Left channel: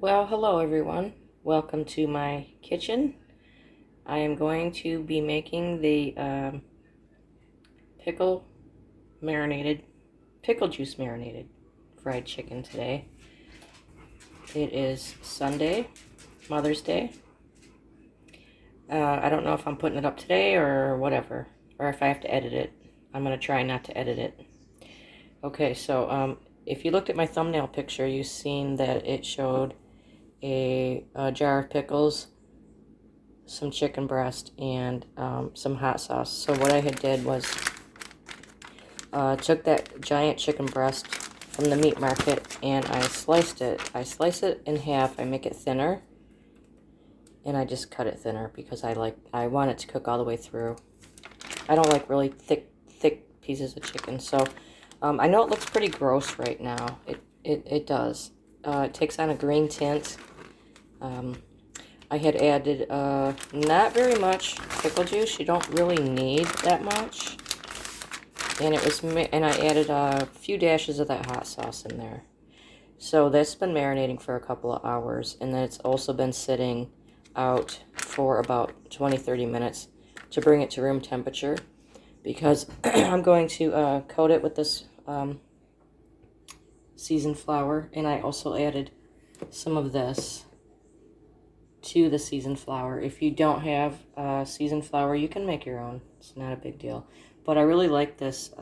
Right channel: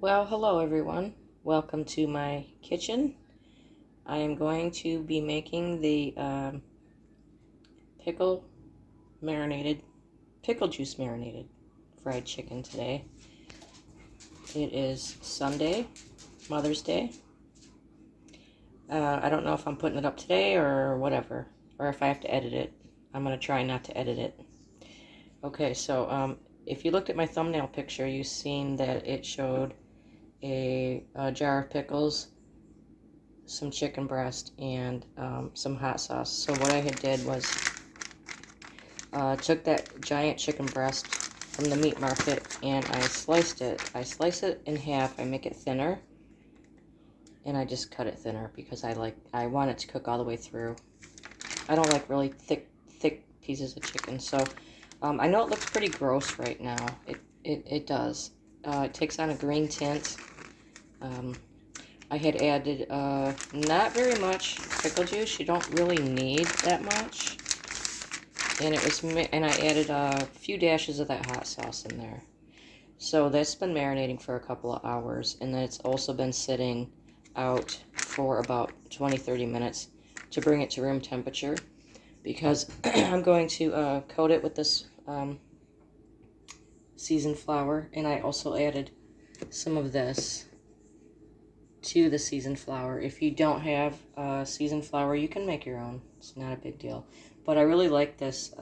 Well, hello everyone. Welcome to my kitchen. I am going to be making the pickle pickle juice marinated fried chicken today. It is Sunday, Mother's Day. I don't know if I'm putting it up today or whatever, or if I have to edit it. I'm going to try not to edit it. Okay, so if you looked at my thumbnail picture, you've seen that it showed a jar of pickles, some chicken breast, and some hot sauce. So what I had did was took that giant chicken breast from the meat market and I sliced it. I slice it in half. I make it thinner, and I just cut it thinner because I want it to cook all the way through. I don't like really thick pieces of chicken. So I know it looks pretty gross right now. It does. It takes on a green tint. I had added not very much pickle juice. You don't really need that much. And I added a few dashes of that hot sauce in there. So that's been marinating for a couple of hours, and then it's also been sitting out for about 20-30 minutes to bring it to room temperature, because I'm going to coat it with this seasoned flour, and I also added some of this to the seasoned flour. If you don't have seasoned flour, you can make your own. It's not a big deal. But I really like this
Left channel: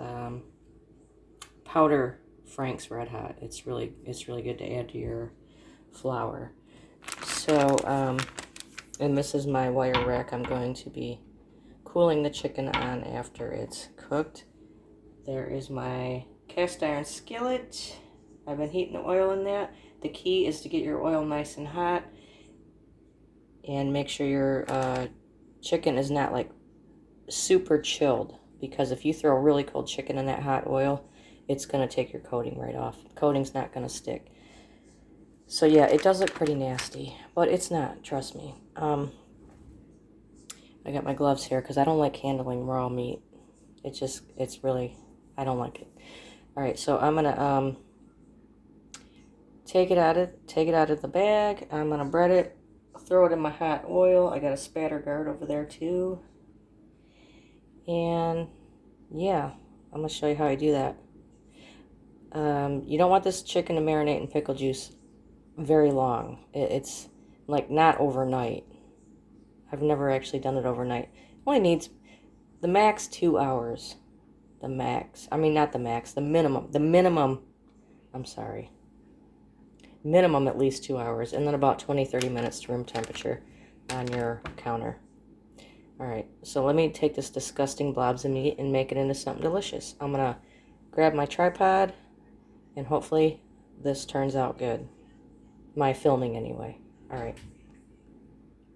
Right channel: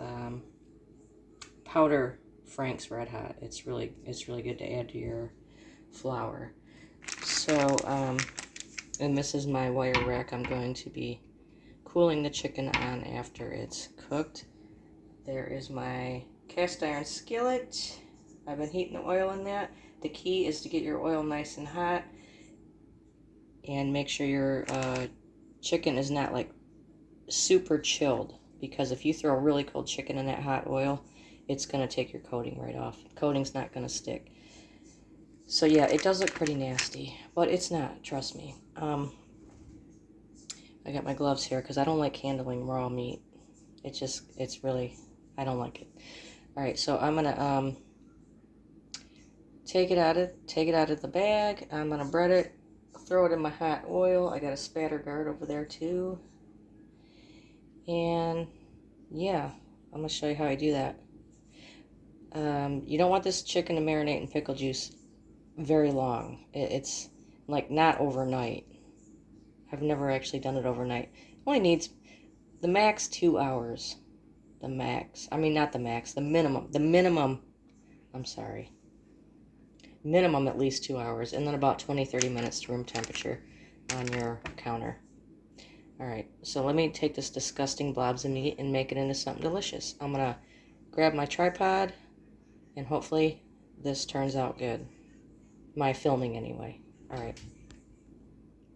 powder Frank's Red Hot. It's really good to add to your flour. So, and this is my wire rack I'm going to be cooling the chicken on after it's cooked. There is my cast iron skillet. I've been heating the oil in that. The key is to get your oil nice and hot and make sure your chicken is not like super chilled, because if you throw really cold chicken in that hot oil, it's going to take your coating right off. The coating's not going to stick. So yeah, it does look pretty nasty, but it's not, trust me. I got my gloves here because I don't like handling raw meat. It's really, I don't like it. All right, so I'm gonna take it out of the bag. I'm gonna bread it, throw it in my hot oil. I got a spatter guard over there too. And yeah, I'm gonna show you how I do that. You don't want this chicken to marinate in pickle juice very long. It's like not overnight. I've never actually done it overnight. It only needs the max 2 hours. The max. I mean, not the max. The minimum. The minimum. I'm sorry. Minimum at least 2 hours. And then about 20-30 minutes to room temperature on your counter. Alright, so let me take this disgusting blobs of meat and make it into something delicious. I'm going to grab my tripod, and hopefully this turns out good. My filming anyway. Alright,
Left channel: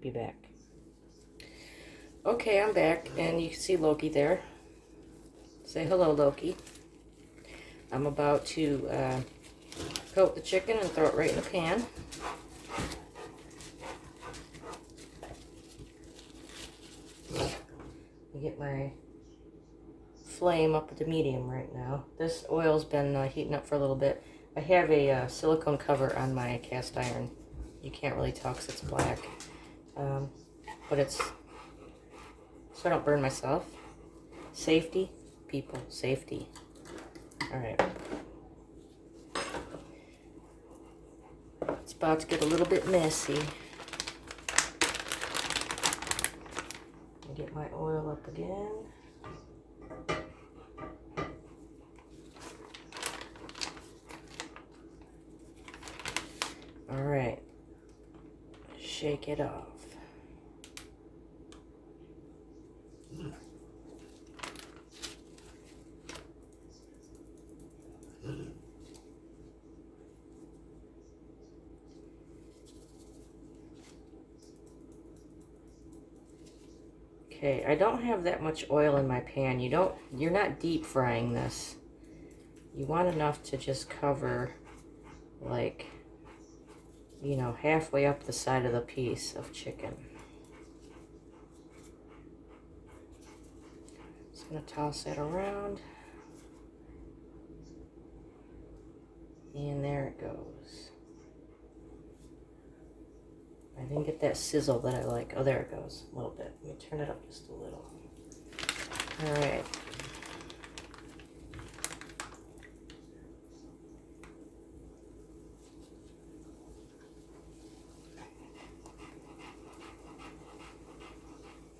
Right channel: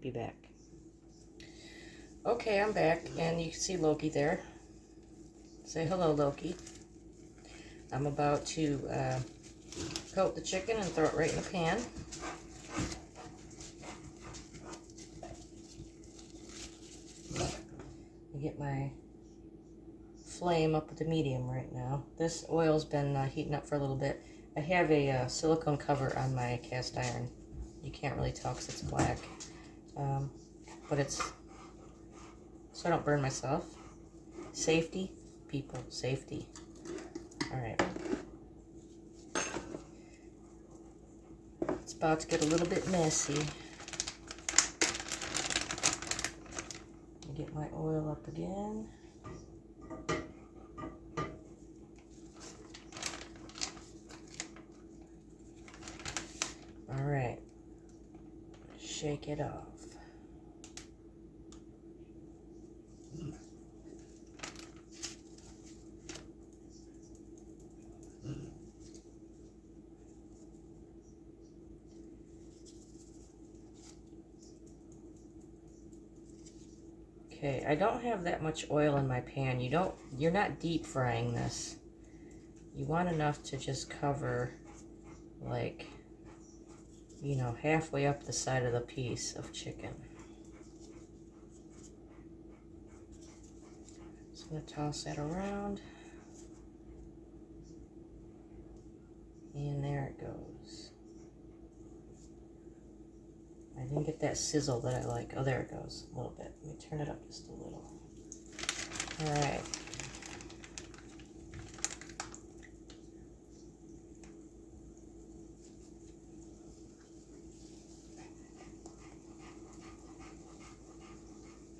be back. Okay, I'm back, and you can see Loki there. Say hello, Loki. I'm about to coat the chicken and throw it right in the pan. Get my flame up to medium right now. This oil's been heating up for a little bit. I have a silicone cover on my cast iron. You can't really tell because it's black, but it's so I don't burn myself. Safety, people, safety. All right. It's about to get a little bit messy. Get my oil up again. All right. Shake it off. Okay, I don't have that much oil in my pan. You're not deep frying this. You want enough to just cover, like, you know, halfway up the side of the piece of chicken. Just gonna toss that around. And there it goes. didn't get that sizzle that I like. Oh, there it goes. A little bit. Let me turn it up just a little. All right.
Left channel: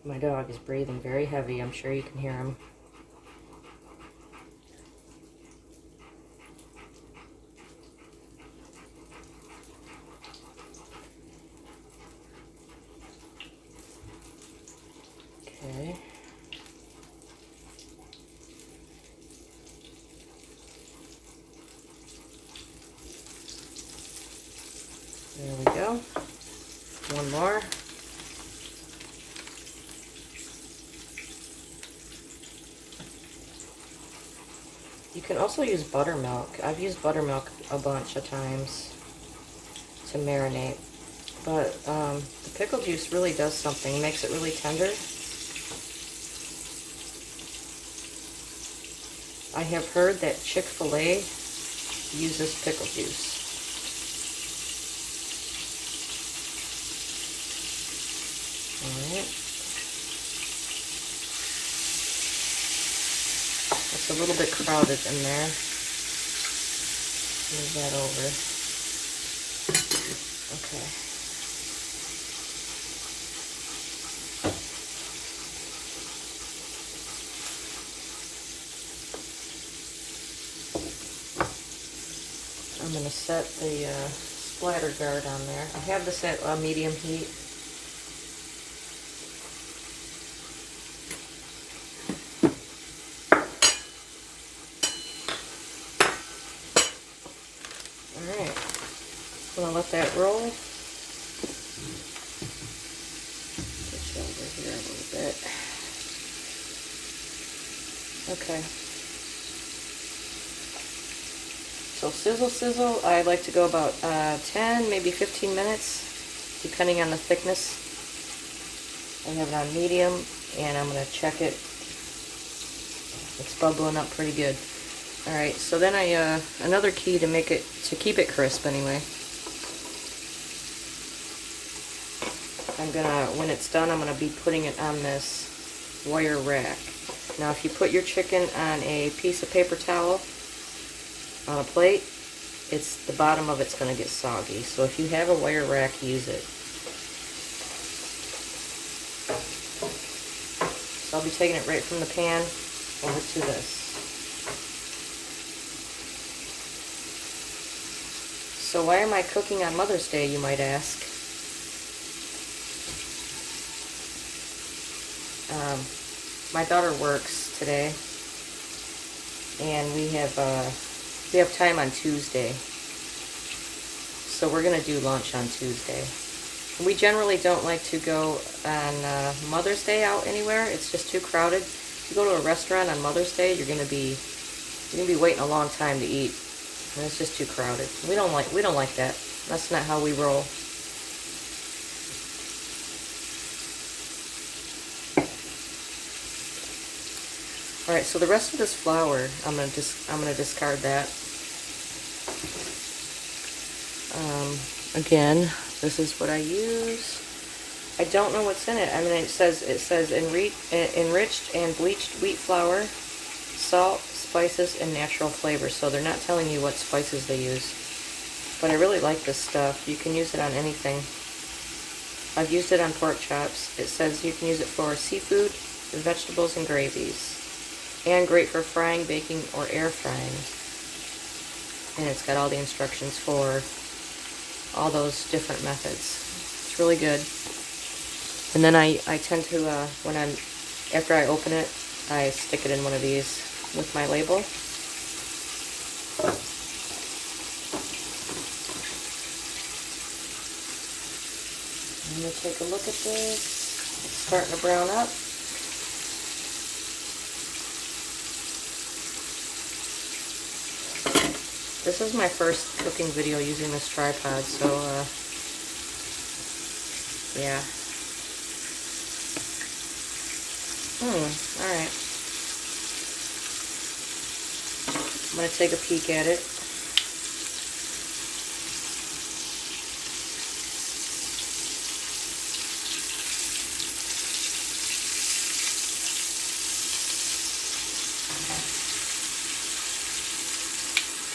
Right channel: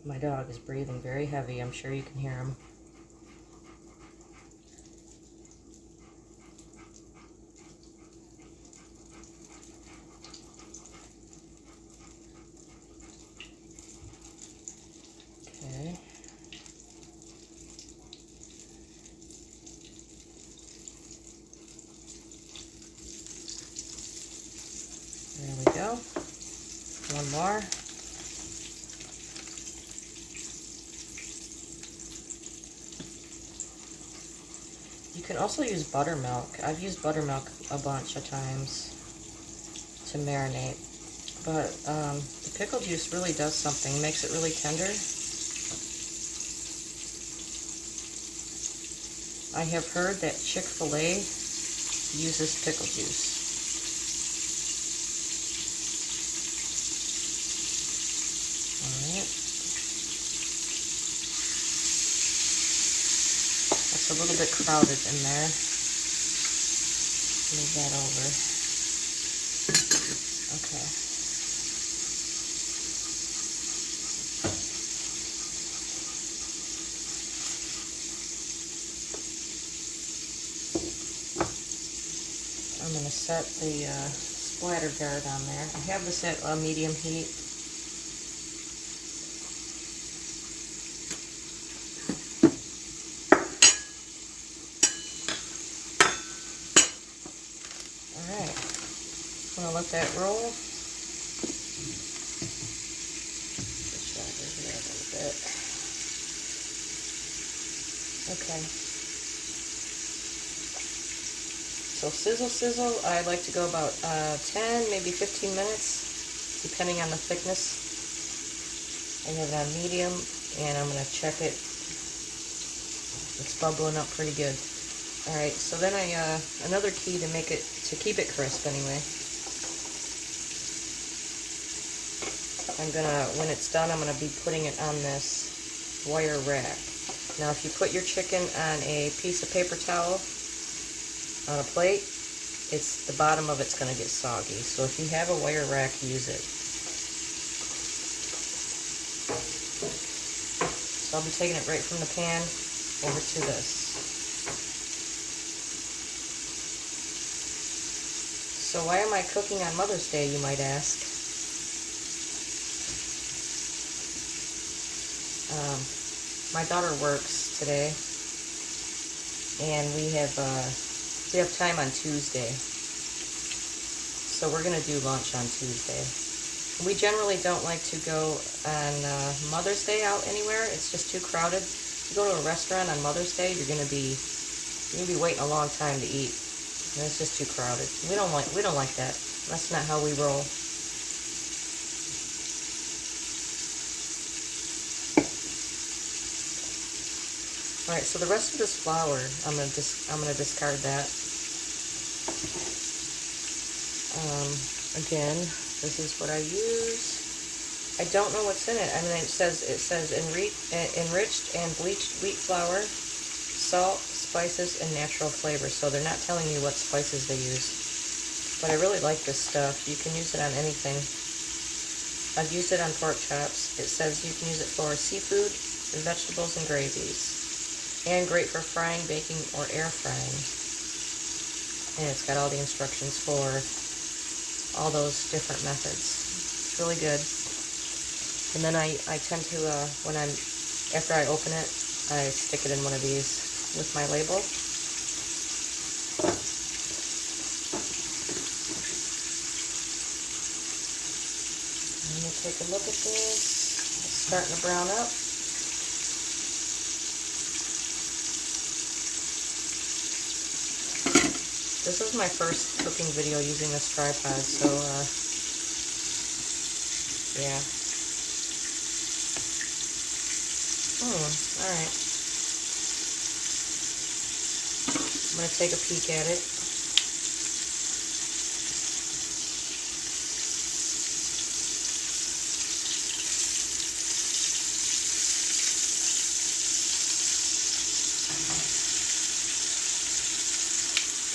My dog is breathing very heavy. I'm sure you can hear him. Okay. There we go. One more. You can also use buttermilk. I've used buttermilk a bunch of times to marinate. But the pickle juice really does something. It makes it really tender. I have heard that Chick-fil-A uses pickle juice. Alright. It's a little bit crowded in there. Move that over. Okay. I'm going to set the splatter guard on there. I have this at medium heat. Alright, I'm going to let that roll. Push over here a little bit. Okay. So sizzle, I like to go about 10, maybe 15 minutes, depending on the thickness. I have it on medium, and I'm going to check it. It's bubbling up pretty good. Alright, so then another key to keep it crisp anyway. When it's done, I'm going to be putting it on this wire rack. Now if you put your chicken on a piece of paper towel, on a plate, the bottom of it's going to get soggy. So if you have a wire rack, use it. So I'll be taking it right from the pan over to this. So why am I cooking on Mother's Day, you might ask? My daughter works today, and we have time on Tuesday, so we're going to do lunch on Tuesday. We generally don't like to go on Mother's Day out anywhere. It's just too crowded. If you go to a restaurant on Mother's Day, you're going to be waiting a long time to eat, and it's just too crowded. We don't like that. That's not how we roll. All right, so the rest of this flour, I'm gonna discard that. Again, this is what I use. I don't know what's in it. I mean, it says enriched and bleached wheat flour, salt, spices, and natural flavors. So they're not telling you what spices they use. But I really like this stuff. You can use it on anything. I've used it on pork chops. It says you can use it for seafood, vegetables, and gravies. And great for frying, baking, or air frying. And it's got all the instructions for all those different methods. It's really good. And then I tend to, after I open it, I stick it in one of these with my label. I'm going to take a look at this. It's starting to brown up. This is my first cooking video using this tripod, so, yeah. Alright. I'm going to take a peek at it.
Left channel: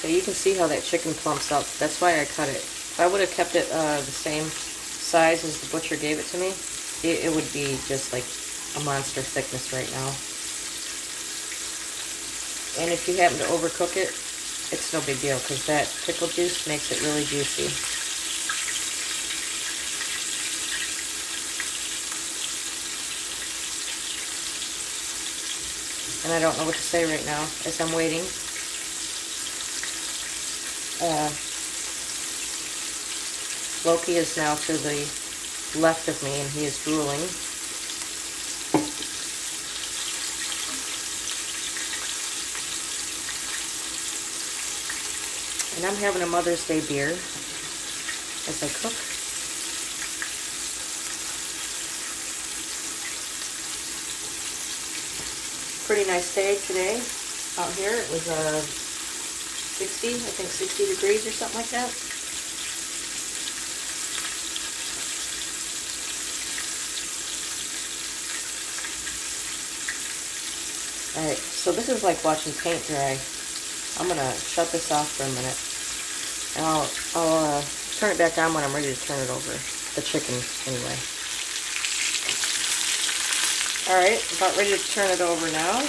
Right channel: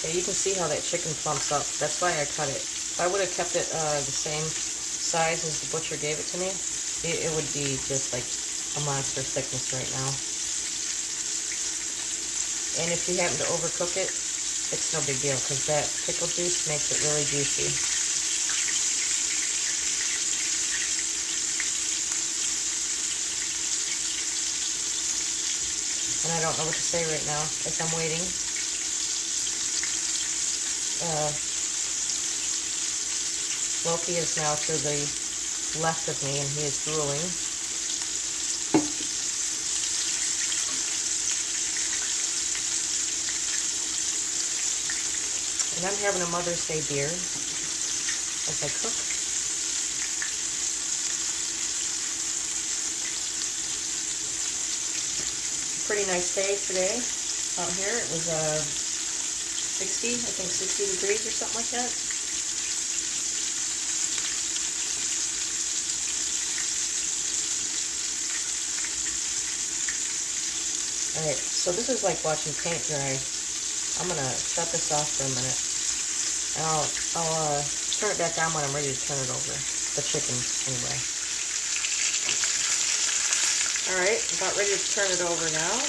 Okay, you can see how that chicken plumps up. That's why I cut it. If I would have kept it the same size as the butcher gave it to me, it would be just like a monster thickness right now. And if you happen to overcook it, it's no big deal because that pickle juice makes it really juicy. And I don't know what to say right now as I'm waiting. Loki is now to the left of me and he is drooling. And I'm having a Mother's Day beer as I cook. Pretty nice day today out here. It was 60, I think 60 degrees or something like that. Alright, so this is like watching paint dry. I'm going to shut this off for a minute. And I'll turn it back on when I'm ready to turn it over. The chicken, anyway. Alright, about ready to turn it over now.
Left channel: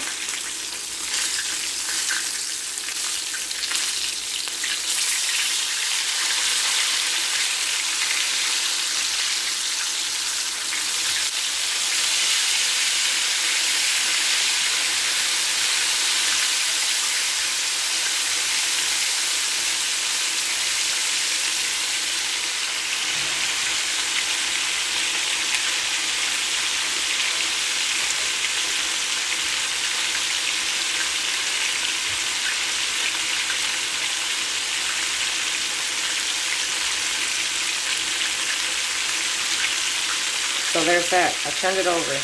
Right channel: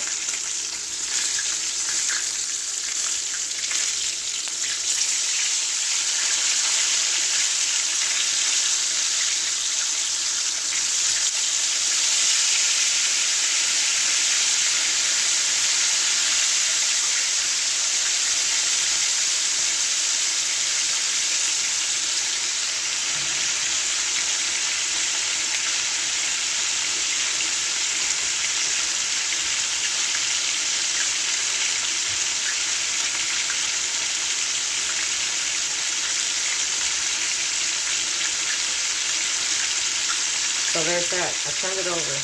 So there's that. I turned it over.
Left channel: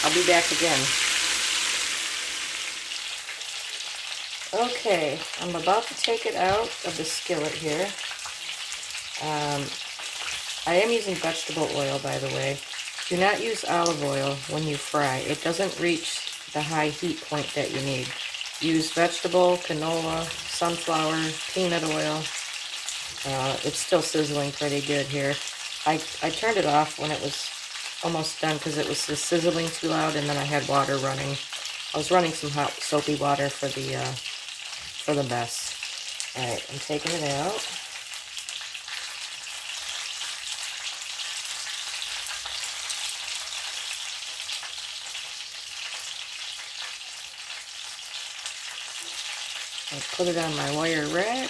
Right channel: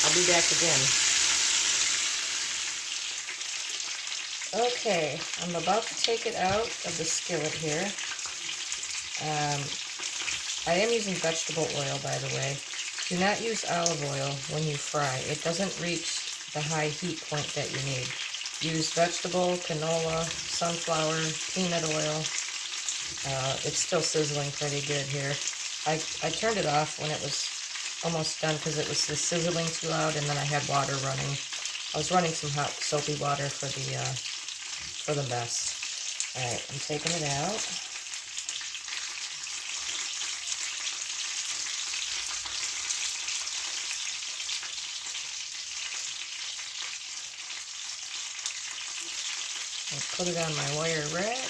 I'll be back again. Okay, I'm about to take it out of the skillet here. I am using vegetable oil, by the way. Do not use olive oil when you fry. It doesn't reach the high heat point that you need. Use vegetable, canola, sunflower, peanut oil. It's still sizzling pretty good here. I turned it off when it was almost done because it was just sizzling too loud, and then I had water running. I was running some hot soapy water for the mess. Alright, I'm taking it out. I put it on my wire rack.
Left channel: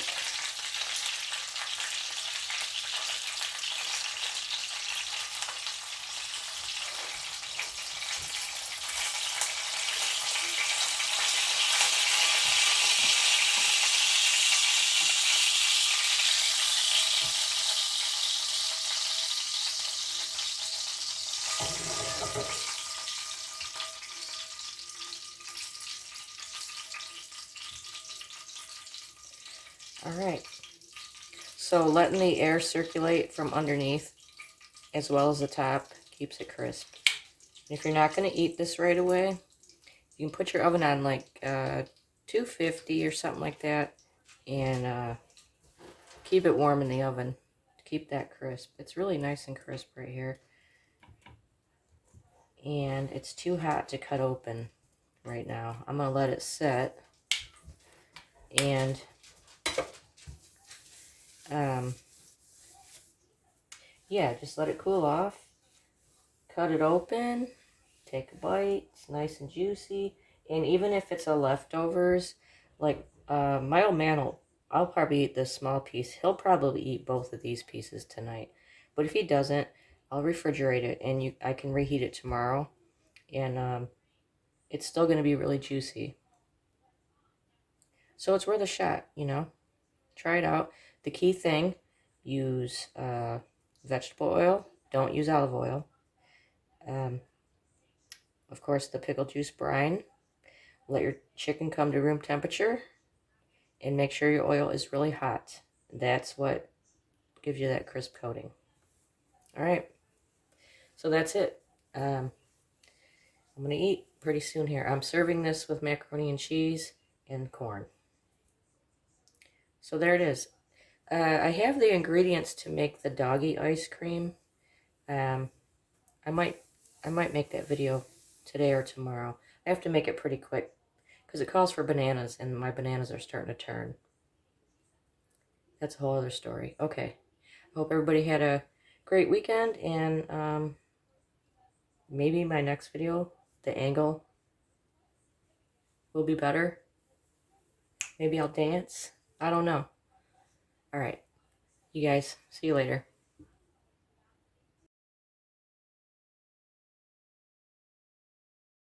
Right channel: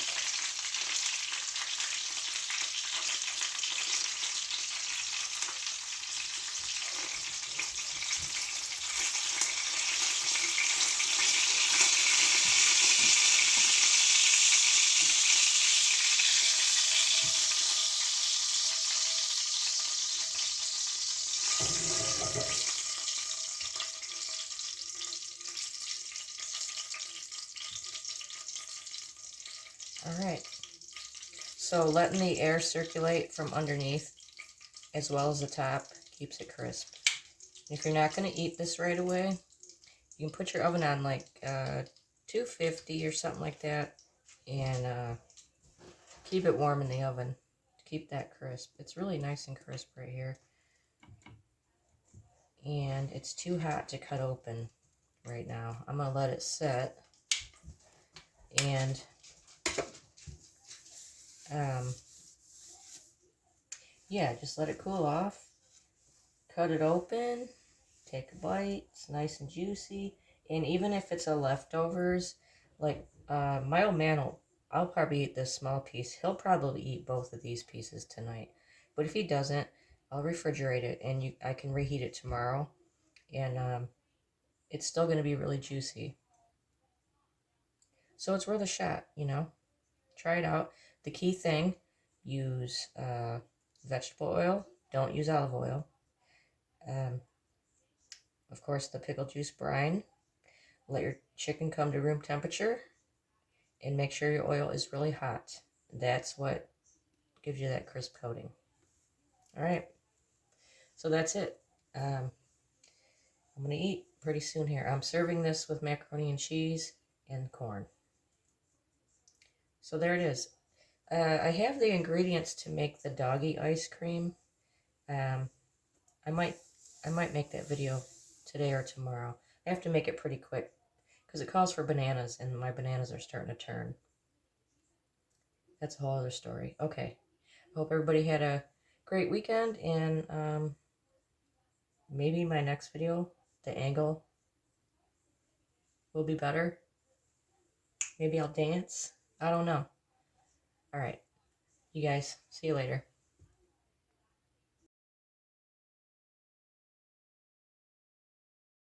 Alright, so letting the air circulate from underneath as well as the top keeps it crisp. And if you're not going to eat this right away, you can put your oven on like 250 or something like that and keep it warm in the oven to keep that crisp. It's really nice and crisp right here. And it's too hot to cut open right now. I'm going to let it set. And yeah, just let it cool off. Cut it open. Take a bite. It's nice and juicy. And even if it's a leftovers, like my old man, I'll probably eat this small piece. He'll probably eat both of these pieces tonight. But if he doesn't, I'll refrigerate it and I can reheat it tomorrow. And it's still going to be really juicy. So it's worth a shot, you know. Try it out. The key thing, use vegetable oil. Don't use olive oil. Of course, the pickle juice brine. Let your chicken come to room temperature. And make sure your oil is really hot. That's what gives you that crisp coating. All right. So that's it. I'm going to eat pretty soon here. I'm serving this with macaroni and cheese and corn. So there it is. I have the ingredients to make the doggy ice cream. Um, I might make that video today or tomorrow. I have to make it pretty quick because it calls for bananas, and my bananas are starting to turn. That's a whole other story. Okay. I hope everybody had a great weekend, and maybe my next video, the angle will be better. Maybe I'll dance. I don't know. All right. You guys, see you later.